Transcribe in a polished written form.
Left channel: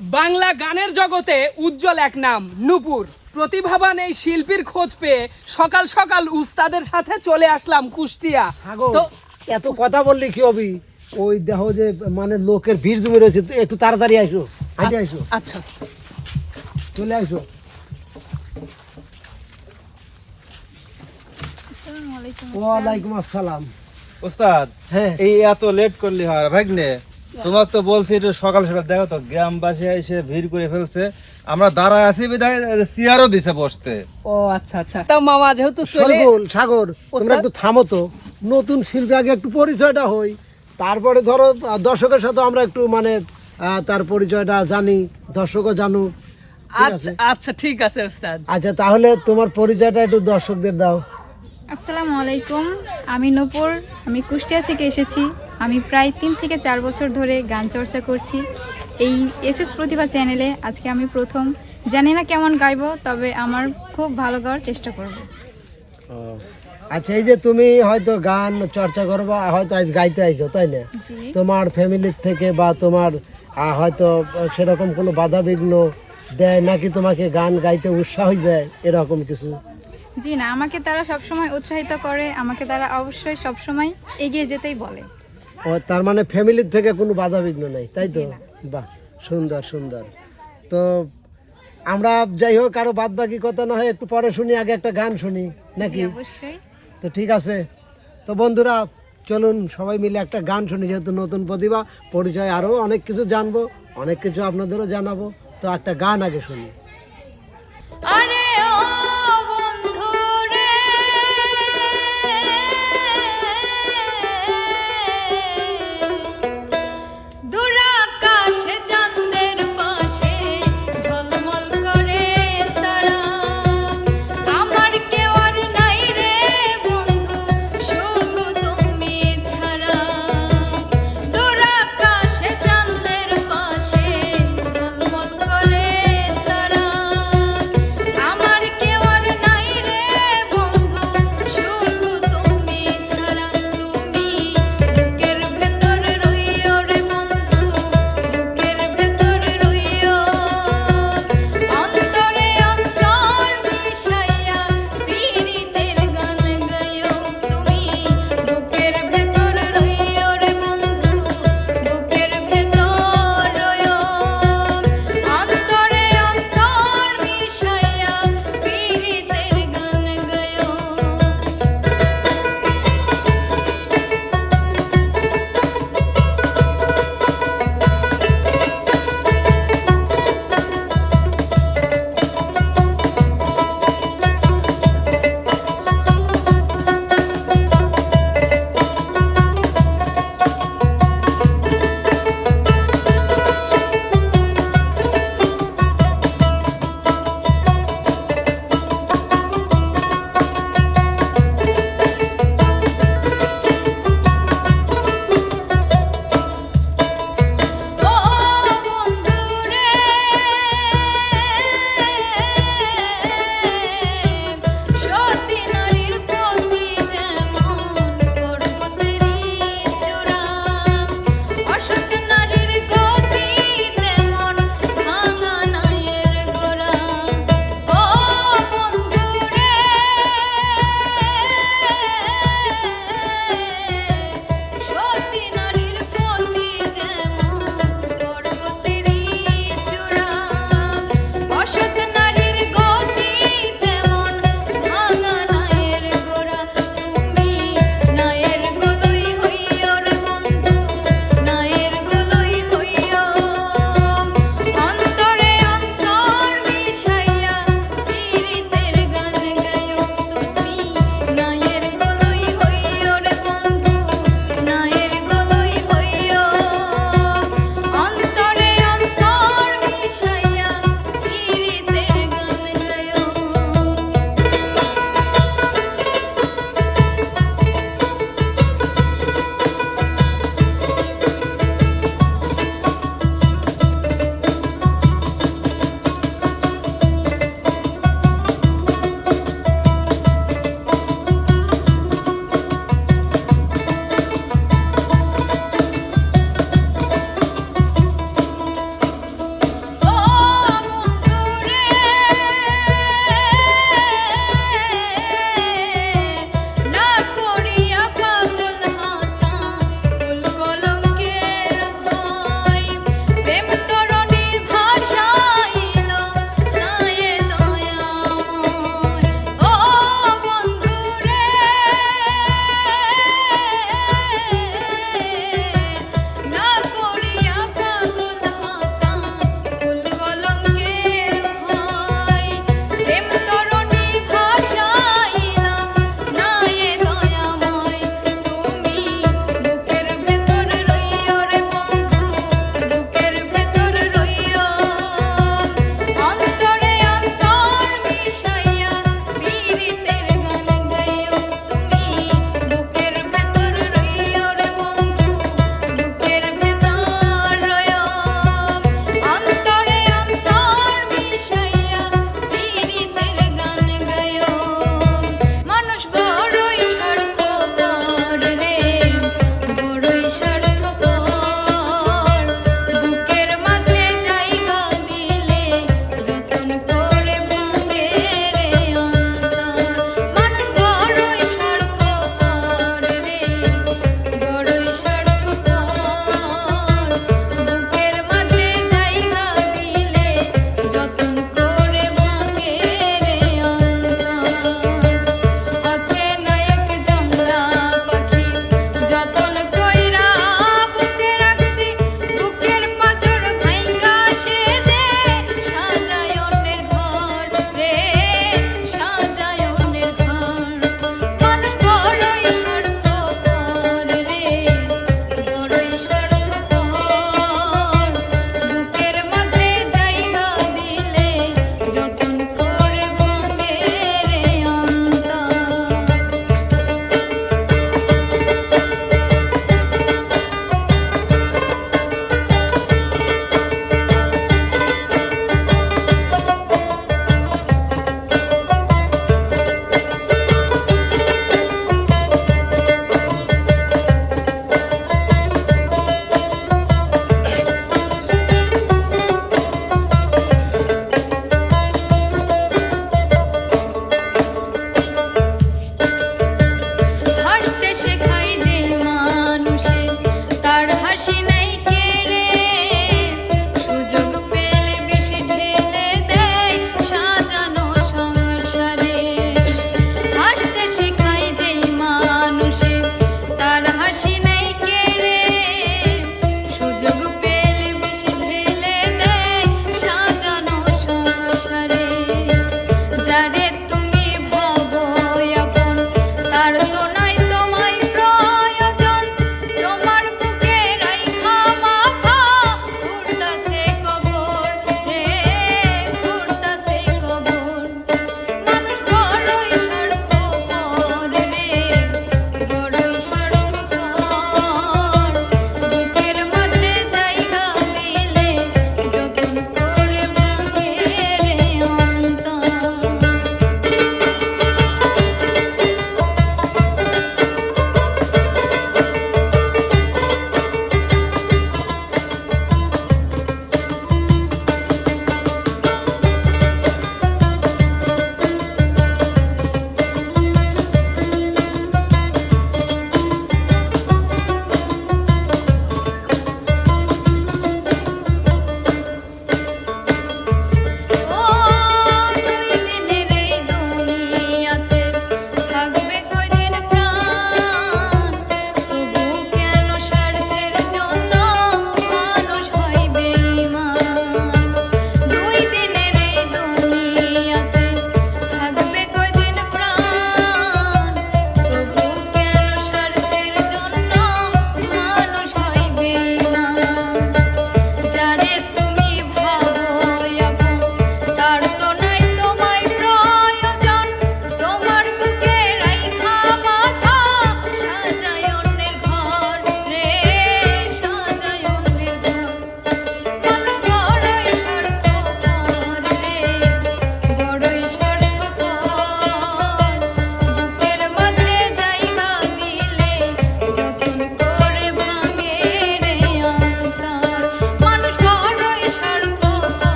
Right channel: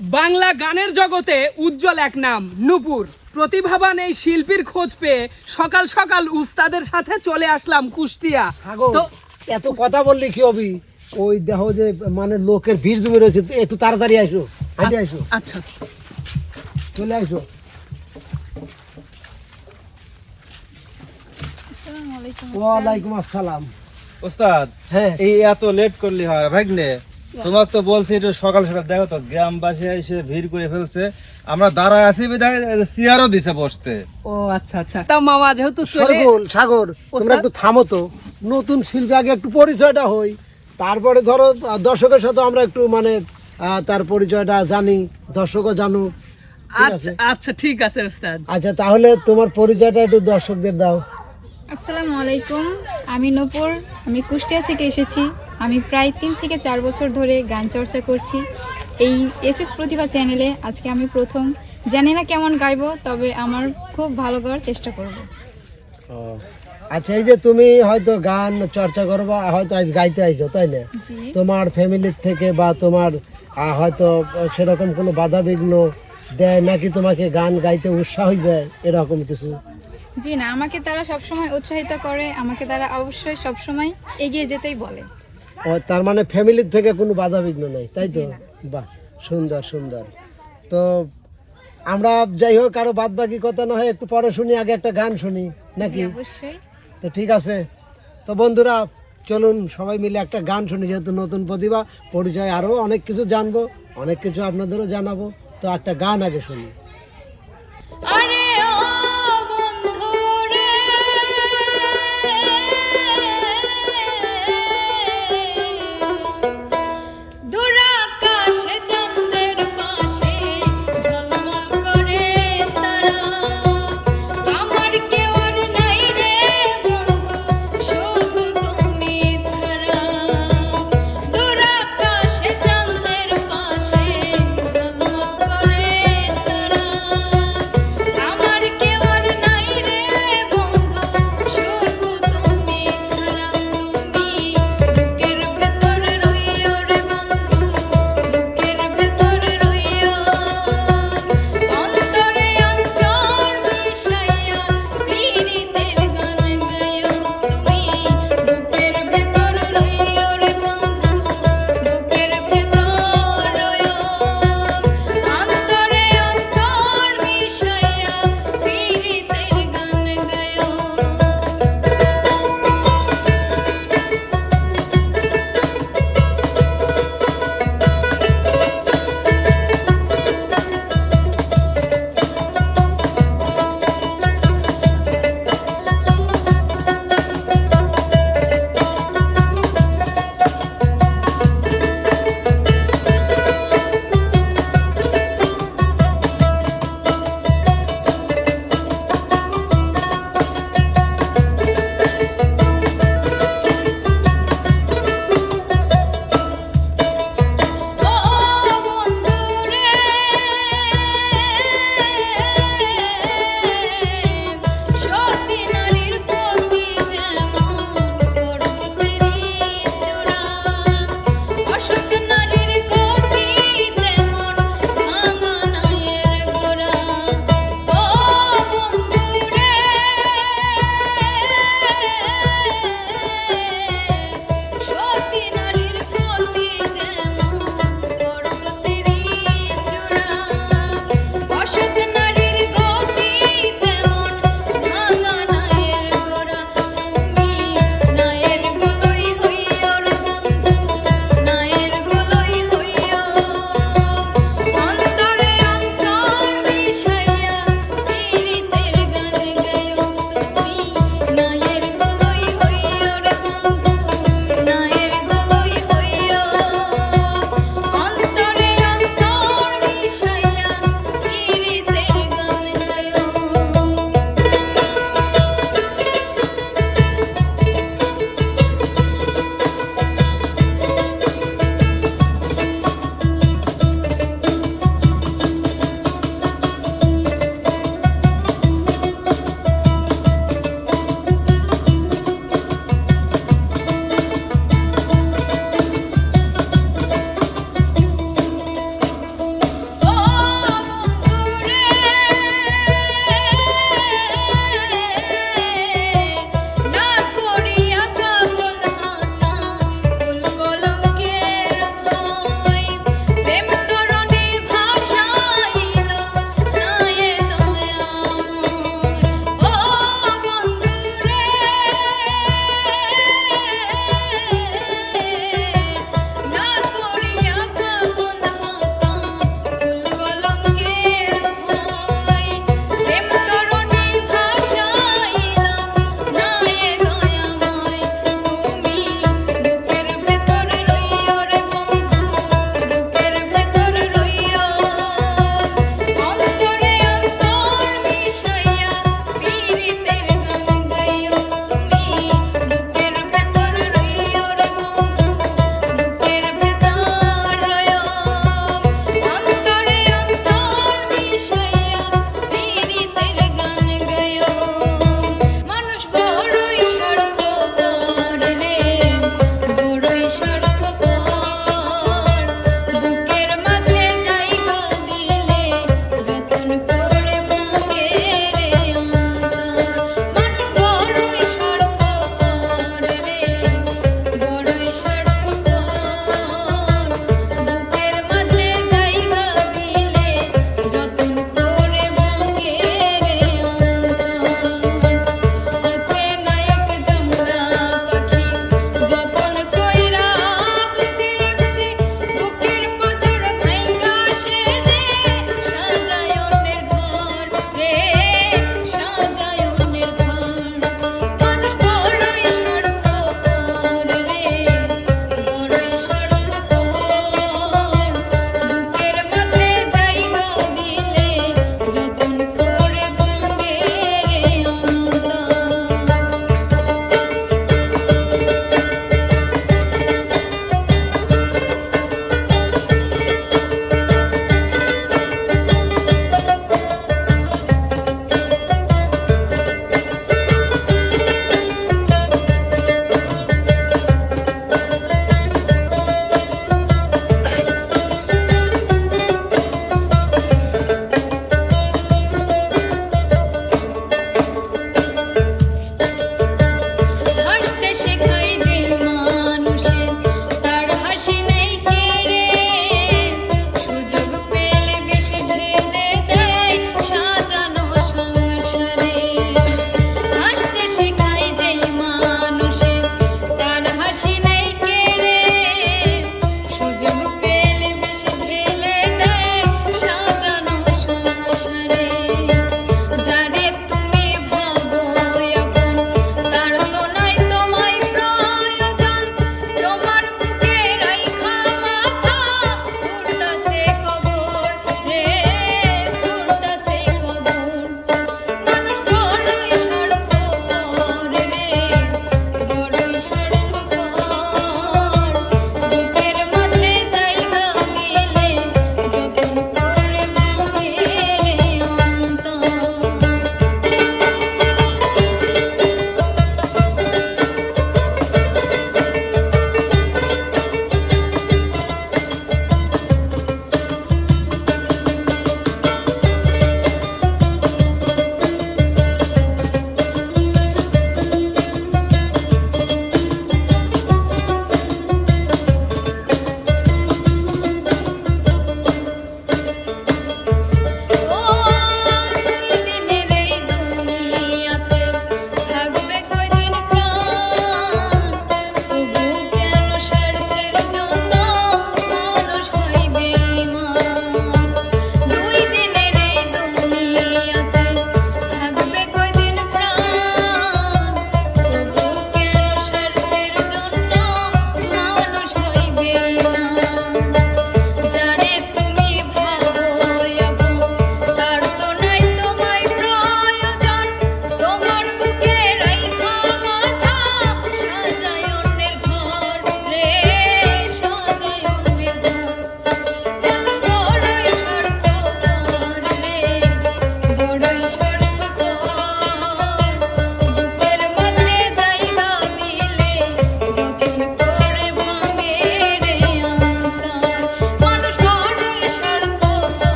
বাংলা গানের জগতে উজ্জ্বল এক নাম নূপুর। প্রতিভাবান এই শিল্পীর খোঁজ পেয়ে সকাল সকাল উস্তাদের সাথে চলে আসলাম কুষ্টিয়া। তো এত কথা বললি কি হবি? ওই দেখো যে মানে লোকের ভিড় জমে রয়েছে, একটু তাড়াতাড়ি আসো, হাঁটে আসো। আচ্ছা, চলে আসো। ওয়ালাইকুম আসসালাম। ওস্তাদ, হ্যাঁ, এই এত লেট করলি হয় ভাগ্নে? তোমার তো বলছি একটু সকাল সকাল দেখো তো, গ্রামবাসী এসে ভিড় করে ফেলছে, আমরা দাঁড়ায় আছি বিধায় চেয়ারও দিছে বসতে। ও আচ্ছা আচ্ছা। তা মামা যেহেতু চলে সাগর, তোমরা একটু থামো তো। নতুন শিল্পী আগে একটু পরিচয়টা হই, তারপরে ধরো দর্শকের সাথে আমরা একটু মানে তার পরিচয়টা জানি, দর্শকও জানুক। ঠিক আছে? আচ্ছা ঠিক আছে ওস্তাদ। আচ্ছা, তাহলে তোমার পরিচয়টা একটু দর্শকদের দাও। আসসালামু আলাইকুম, আমি নূপুর। আমি কুষ্টিয়া থেকে এসেছি। আমি প্রায় 3 থেকে 4 বছর ধরে গান চর্চা করছি এই এসএস প্রতিভা চ্যানেলে। আজকে আমি প্রথম, জানি না কেমন গাইবো, তবে আমার খুব ভালো গাওয়ার চেষ্টা করব। আচ্ছা, এই যে তুমি হয়তো গান চর্চা করো বা হয়তো আজ গাইতে আইছো, তাই না? জি। তোমার ফ্যামিলির থেকে বা তোমার হয়তো সেরকম কোনো বাধা বিঘ্ন দেয় নাকি তোমাকে গান গাইতে উৎসাহ দেয়, এরকম কিছু? জি না, আমাকে তারা সবসময় উৎসাহিত করে, আমাকে তারা অবশ্যই সবসময় এগিয়ে যেতেই বলে। ও, তার মানে ফ্যামিলির থেকে কোনো বাধা বিঘ্ন নেই, তাই তো? জি না। বাহ, সুন্দর সুন্দর। তো আমরা যাই হোক, আরো বাদ বাকি কথা না হয় একটু পরে শুনি, আগে একটা গান শুনি জি, নাকি? অবশ্যই। তো ঠিক আছে, তো বন্ধুরা চলুন সবাই মিলে একটা গান শুনি। যেহেতু নতুন প্রতিভা, পরিচয় আরও অনেক কিছু জানবো, অনেক কিছু আপনাদেরও জানাবো। তো একটা গান আগে শুনি।